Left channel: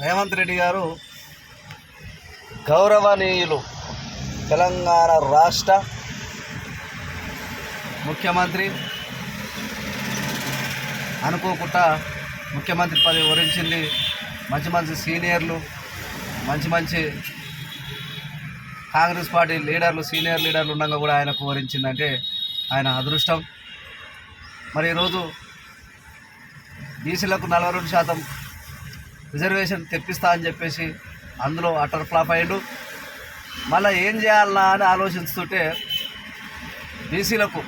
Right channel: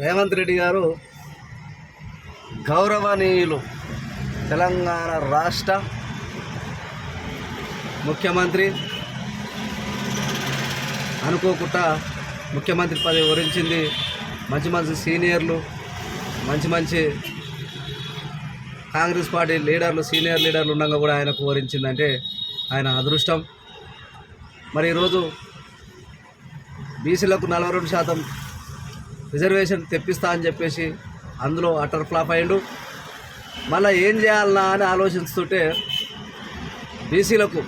రేవంత్ రెడ్డి గారు గౌరవనీయులు తెలంగాణ రాష్ట్ర ముఖ్యమంత్రి అనుకోకుండా ముఖ్యమంత్రి పదవి వరించింది. మంచి మంచి సీనియర్లు, మంచి కాంగ్రెస్ పార్టీ లీడర్లు, సీనియర్ లీడర్లు ఉండగా కూడా ఆయనకు వరించిందంటే ఆయన అదృష్టం. మరి ఈరోజు బీసీలకు 42% రిజర్వేషన్ తెప్పిస్తా అని చెప్పేసి అందులో అటర్ ఫ్లాప్ అయ్యిండు. మళ్ళీ ఏం చేయాలన్నా అని ఆలోచిస్తుంటే బీసీలకు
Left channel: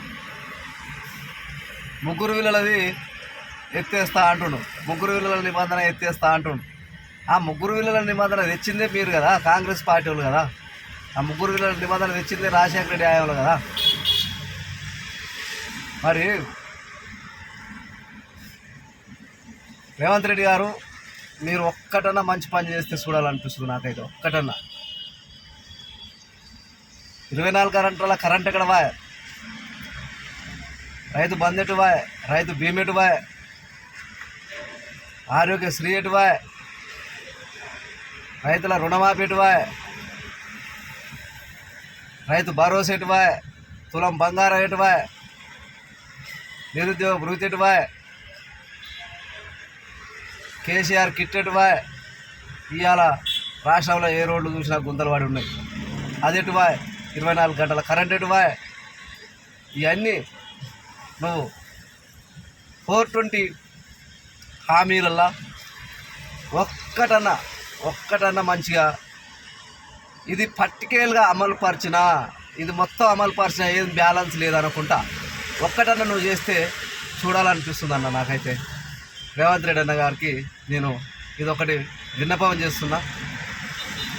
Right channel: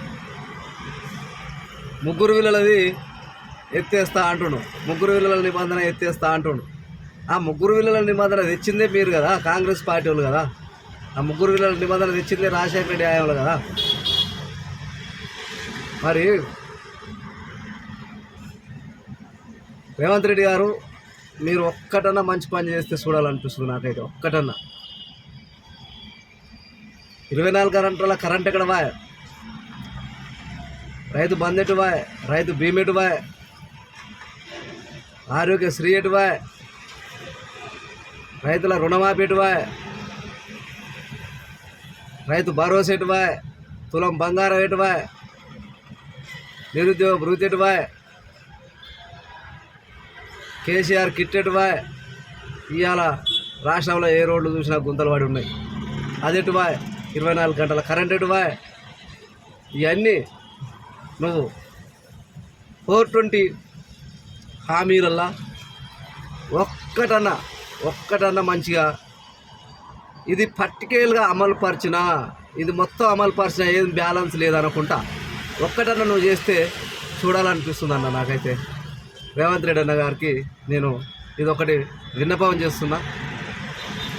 3 విలువలది ఎత్తేస్తా అంటుండు, 3 విలువల నిబంధన ఎత్తేస్తా అంటుండు. ఆ 3 విలువల నిబంధన తెచ్చిందే మీరు కదా, కాంగ్రెస్ పార్టీ వాళ్ళు కదా. ఆ 3 విలువల నిబంధన తెచ్చిందే రాజశేఖర రెడ్డి ఆయనలు కదా. మరి రేవంత్ రెడ్డి గారు మీరు ఒక్కటన్నా మంచి పని చేస్తే చూడాలనిపిస్తుంది నాకైతే. ఒక్కటన్నా 24 గంటల కరెంట్ ఎక్కడ వాయ్, రైతు బంద్ ఎటు వాయ్, రైతు బీమా ఎటు వాయ్, ఆరోగ్యశ్రీ ఎటు వాయ్, రైతుల రుణమాఫీ ఎటు వాయ్, రైతు భరోసా ఎటు వాయ్, తులం బంగారం ఎటు వాయ్, నిరుద్యోగ భృతి ఎటు వాయ్, కేసీఆర్ కిట్ ఎటు వాయ్. ఇవాళ రాష్ట్రంలో ఏ రోడ్లు చూసినా గుంతలు పడి ఉన్నాయి, అది ఎటు వాయ్. 24 గంటల కరెంట్ ఎటు వాయ్. ఇవన్నీ నువ్వు 420 హామీలల్లా ఒక్కటన్నా మంచిగా ఇది పర్టికులర్గా అమలు పరిచినా, ఇది మొత్తం అమలు పరిచినా ఏం బ్యాలెన్స్ లేదనుకుంటా ఒక్కటన్నా నువ్వు చేస్తే చూడాలనిపిస్తుంది అన్న నాకైతే. రేవంత్ రెడ్డి అన్న గారికి నేను ఇదొకటి విన్నపం చేస్తున్నా.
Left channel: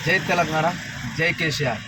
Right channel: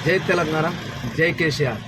జై తెలంగాణ, జై కేసీఆర్.